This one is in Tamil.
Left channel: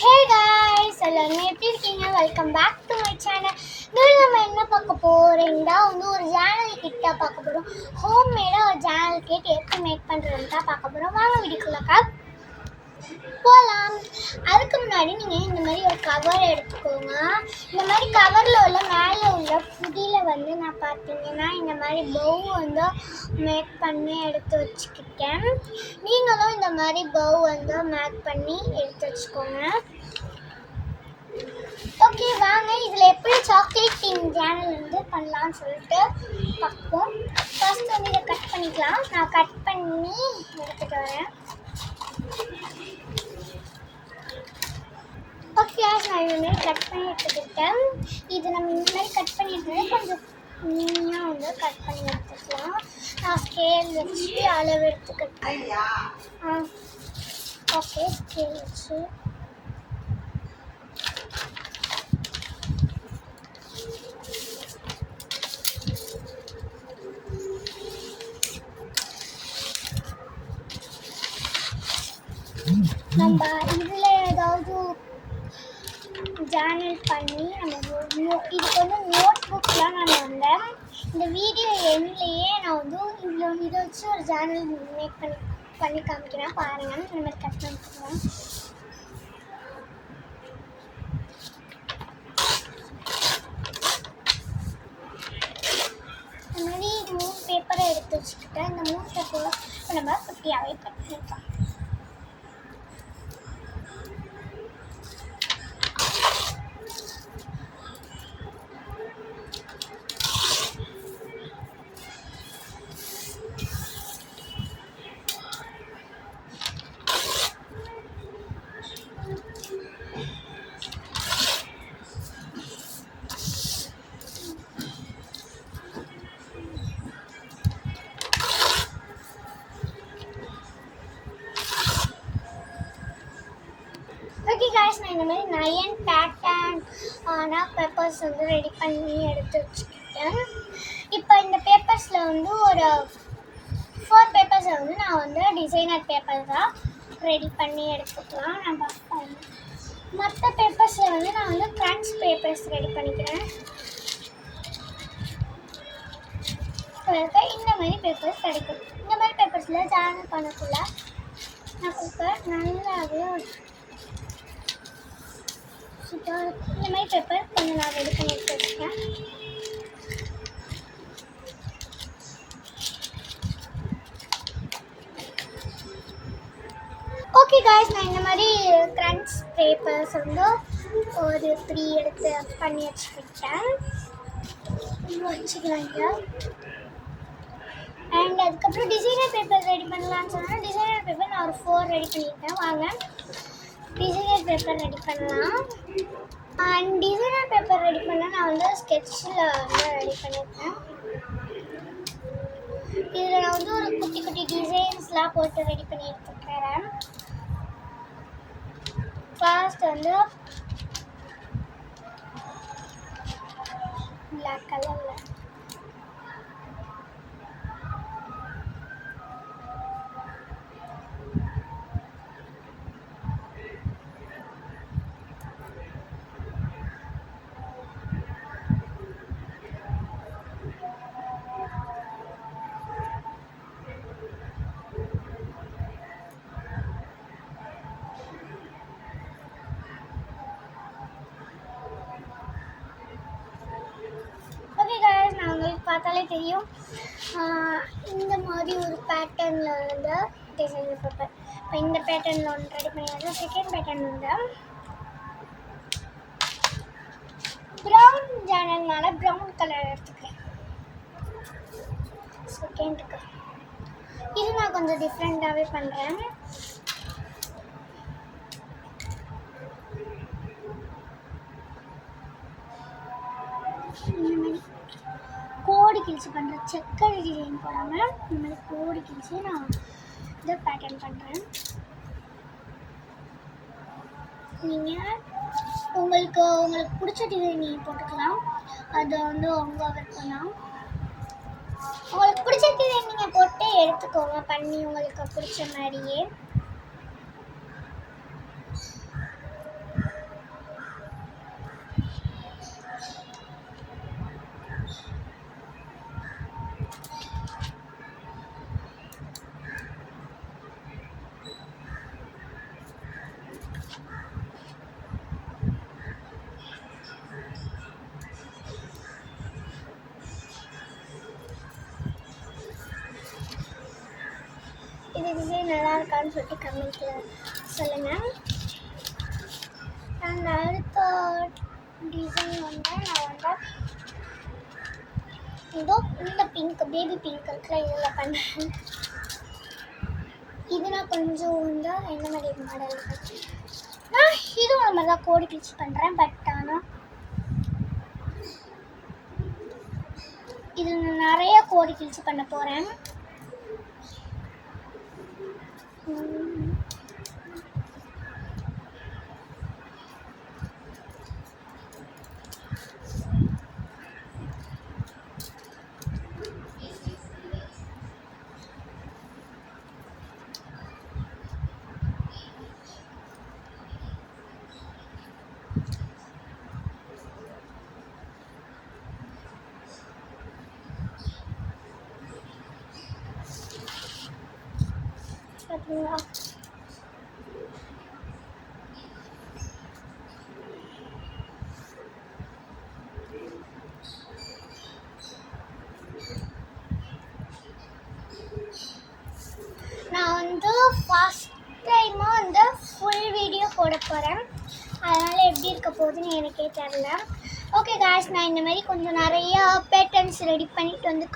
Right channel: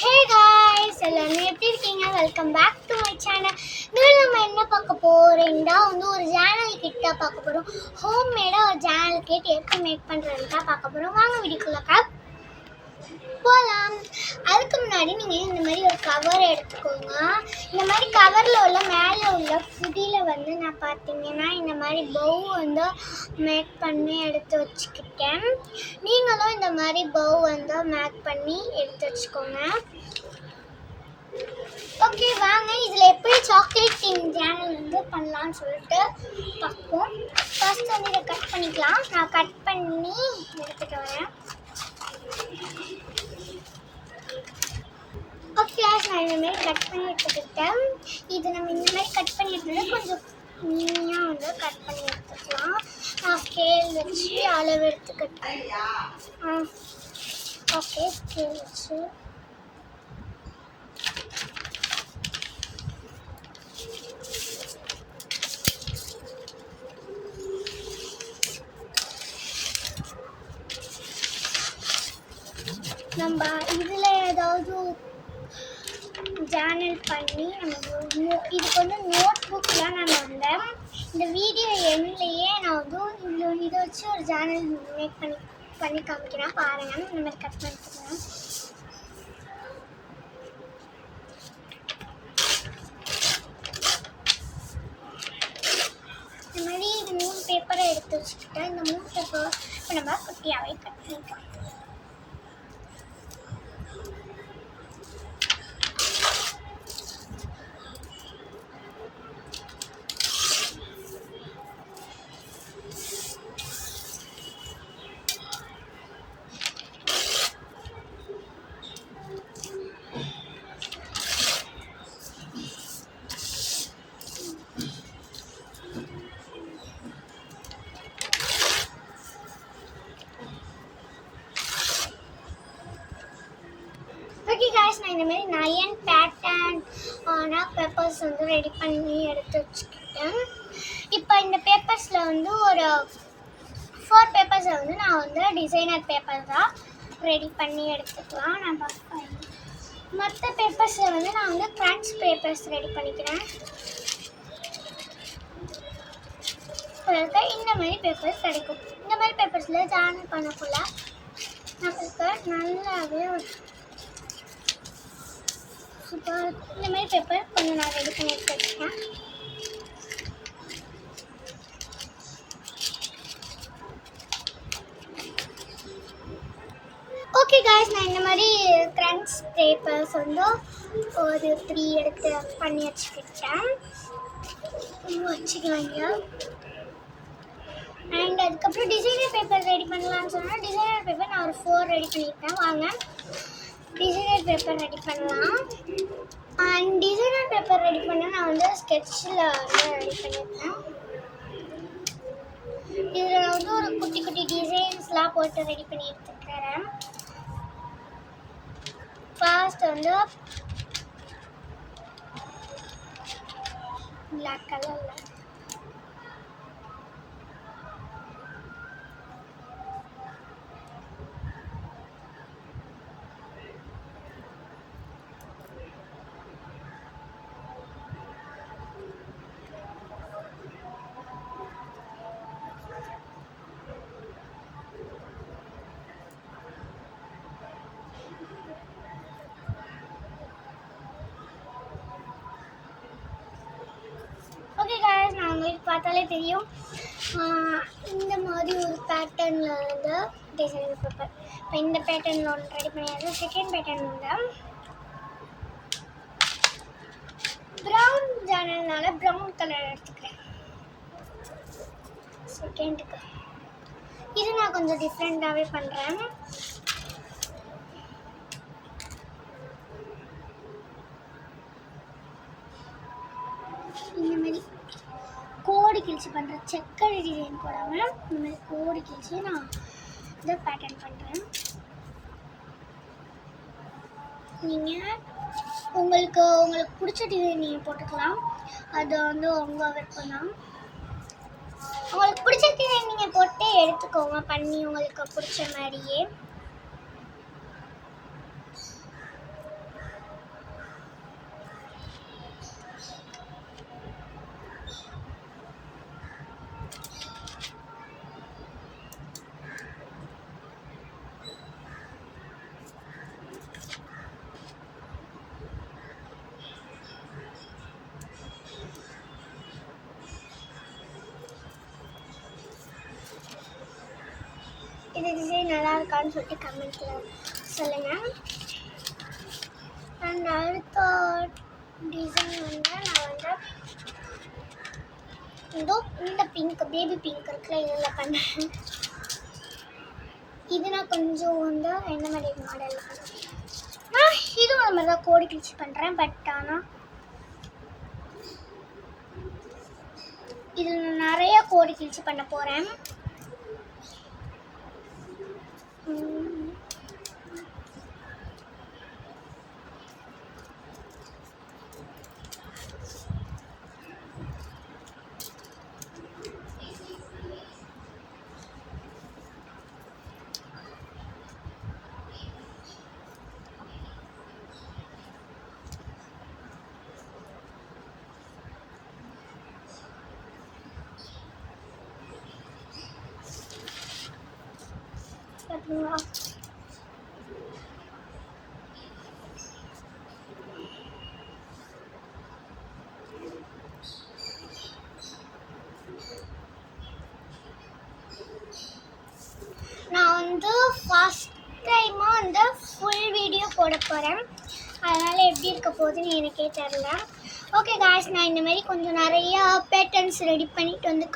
ஹே காய்ஸ் எல்லாரும் எப்படி இருக்கீங்க? Welcome back to my channel. இன்னும் நம்ம என்ன பார்க்க போகிறோம்னா ஒரு சேனல் கிட்ட பார்க்க போகிறோம். ஹோம் மேடாக ஒரு சேனல் கிட்ட எப்படி மேக் பண்ணுறதுன்னு தான் பார்க்க போகிறோம். வாங்க வீடியோக்குள்ளக்கா போகலாம். அதுக்கு முன்னாடி நீங்கள் இந்த மாதிரி ஒரு கவர் எடுத்துக்கோங்க. இந்த மாதிரி கவரில் உள்ள மேலே உள்ள புதியில் நான் பார்த்தீங்கன்னா இந்த மாதிரி பவு மேக் பண்ணி எடுத்து வச்சுக்கிட்டேன். நீங்களும் இந்த மாதிரி பவு மேக் பண்ணி எடுத்து வச்சுக்கோங்க. ஓகே, வாங்க இதில் எப்படி சாக்லேட் திங் சேனல் பண்ணலான்னு சொல்லிட்டு பார்ப்போம். ஃபர்ஸ்ட் இதை கட் பண்ணிக்கலாம். நான் கட் பண்ணி எடுத்துகிட்டு வரேன். ஓகே, நான் இந்த மாதிரி கட் பண்ணி எடுத்துக்கிட்டேன். இது நம்ம இந்த மாதிரி கட் பண்ணிட்டு கொஞ்சம் நீயாக கட் பண்ணி எடுத்துக்கலாம். நான் ஸ்கேல் வச்சு அளவு எடுத்துக்கிட்டேன். ஓகே, ஸ்கேல் வச்சு நம்ம இதில் ஏதாவது ஜேர்னல் பண்ணி நம்ம இதுக்கு நோட் புக்லாம் நான் வந்தேன். இந்த வீடியோ எண்ணிலேயே நான் இதை வச்சு ஒரு ஜேர்னல் மேக் பண்ணி காமிக்கிறேன். பாருங்கள், இந்த மாதிரி கட் பண்ணிக்கிறேன். இந்த மாதிரி 3 பேப்பரை எடுத்து வச்சுக்கிட்டேன். இந்த 3 பேப்பர் இப்போ நம்ம குட்டியாகவே கட் பண்ணிக்கலாம். ஓகே காய்ஸ், நான் இந்த மாதிரி 9 பேட்டர்ன் பேப்பர்ஸ் ரெடி பண்ணி எடுத்து வச்சுக்கிட்டேன். இப்போ இந்த பேப்பர்ஸில் ஒரு 4 பேப்பர்ஸை நான் டிசைனர் பேப்பர் தான் ரெடி பண்ணி எடுத்துக்கலாம். நான் பார்ப்பேன். மற்ற பேப்பர்ஸில் நான் க்ரன்ச் பேப்பர்ஸ் ரெடி பண்ணிக்கிறேன். இந்த மாதிரி பேப்பர்ஸ் கிடைக்கும். இந்த மாதிரி பேப்பர்ஸில் ஜாயின் பண்ணக்குள்ள நமக்கு நல்லாவே சூப்பராக இருக்கும். இந்த மாதிரி பேப்பர் கொஞ்சம் நான் ரெடி பண்ணி எடுத்து வச்சுருக்கேன். ஓகே காய்ஸ், நான் இந்த மாதிரி க்ரன்ச் பேப்பர்ஸ் ஒரு 3 எடுத்து பண்ணி வச்சுக்கிட்டேன். வச்சுக்கலாங்க. அண்ட் அதுக்கப்புறம் டிசைனர் பேப்பர் ரெடி பண்ணலான்னு சொன்னால் டிசைனர் பேப்பர் நான் ஒரு 4 ரெடி பண்ணியிருக்கேன். வாங்க டிசைனர் பேப்பர் ரெடி பண்ணலாம். அண்ட் டிசைனர் பேப்பர் ரெடி பண்ண நான் ஸ்கெட்சில் ரெடி பண்ணியிருக்கேன். இதில் நான் ஒரு குட்டி குட்டி டிசைன்ஸ்லாம் போட்டு ரெடி பண்ணி எடுத்துக்கிறேன். ஃபர்ஸ்ட் பிளாக் கலரில் பார்த்தாலே தெரியும். இந்த மாதிரி ஒரு பேட்டர்னில் டிசைனர் பேப்பர். இப்போ இந்த பேட்டர்னில் ஒன்று ரெடி பண்ணியாச்சு. செகண்ட் பேட்டர்ன் ப்ரௌன் ஜேர்னல்னால ப்ரௌன் கலர் எடுத்துக்கிறேன். செகண்டுக்கு இது நான் கொஞ்சம் டிஃப்ரெண்ட்டாகவே பண்ணுறேன். இந்த மாதிரி கோடி கிழிச்சு பண்ணுறேன். செக்கர் டிசைன் போடாமல் இந்த மாதிரி கோடி கிழிச்சு நான் இதை பேட்டர்ன் பண்ணுறேன். நீங்கள் உங்களுக்கு பிடிச்ச டிசைன் நீங்கள் போட்டுக்கலாம். அது உங்கள் விருப்பம் தான். உங்களுக்கு பிடிச்ச டிசைன் நீங்கள் போட்டு எடுத்துக்கோங்க, பண்ணி உங்களுக்கு பிடிச்ச மாதிரியே. இது டிசைன் நல்லா இருக்கான்னு சொல்லிட்டு கமெண்ட்டில் சொல்லுங்கள். அண்ட் அடுத்த டிசைன் வந்து நான் வந்து இதோ இந்த பிங்க் பேபி பிங்க் இருக்குல்ல இதில் பண்ணேன். இது நான் கொஞ்சம் வந்து என்ன மாதிரி மாடல் பண்ணுறேன். நான் இதுவும் அது மாதிரி தான் கோடி கிழிச்சு பண்ணுறேன். பட் ஆனால் இதில் நான் நிறைய கோடி கிழிச்சு பண்ண போகிறேன். பார்த்தீங்களா? நான் வந்து ஃபஸ்ட் டைமாக வந்து ஃபுல் வீடியோ போட போகிறேன். அதனால் எப்படி இருக்க போகுதுன்னு எனக்கே தெரில. ஓகே காய்ஸ், நான் இந்த மாதிரி கொஞ்சம் நிறையா பேட்டர்ன்ஸ் ரெடி பண்ணிட்டு வந்து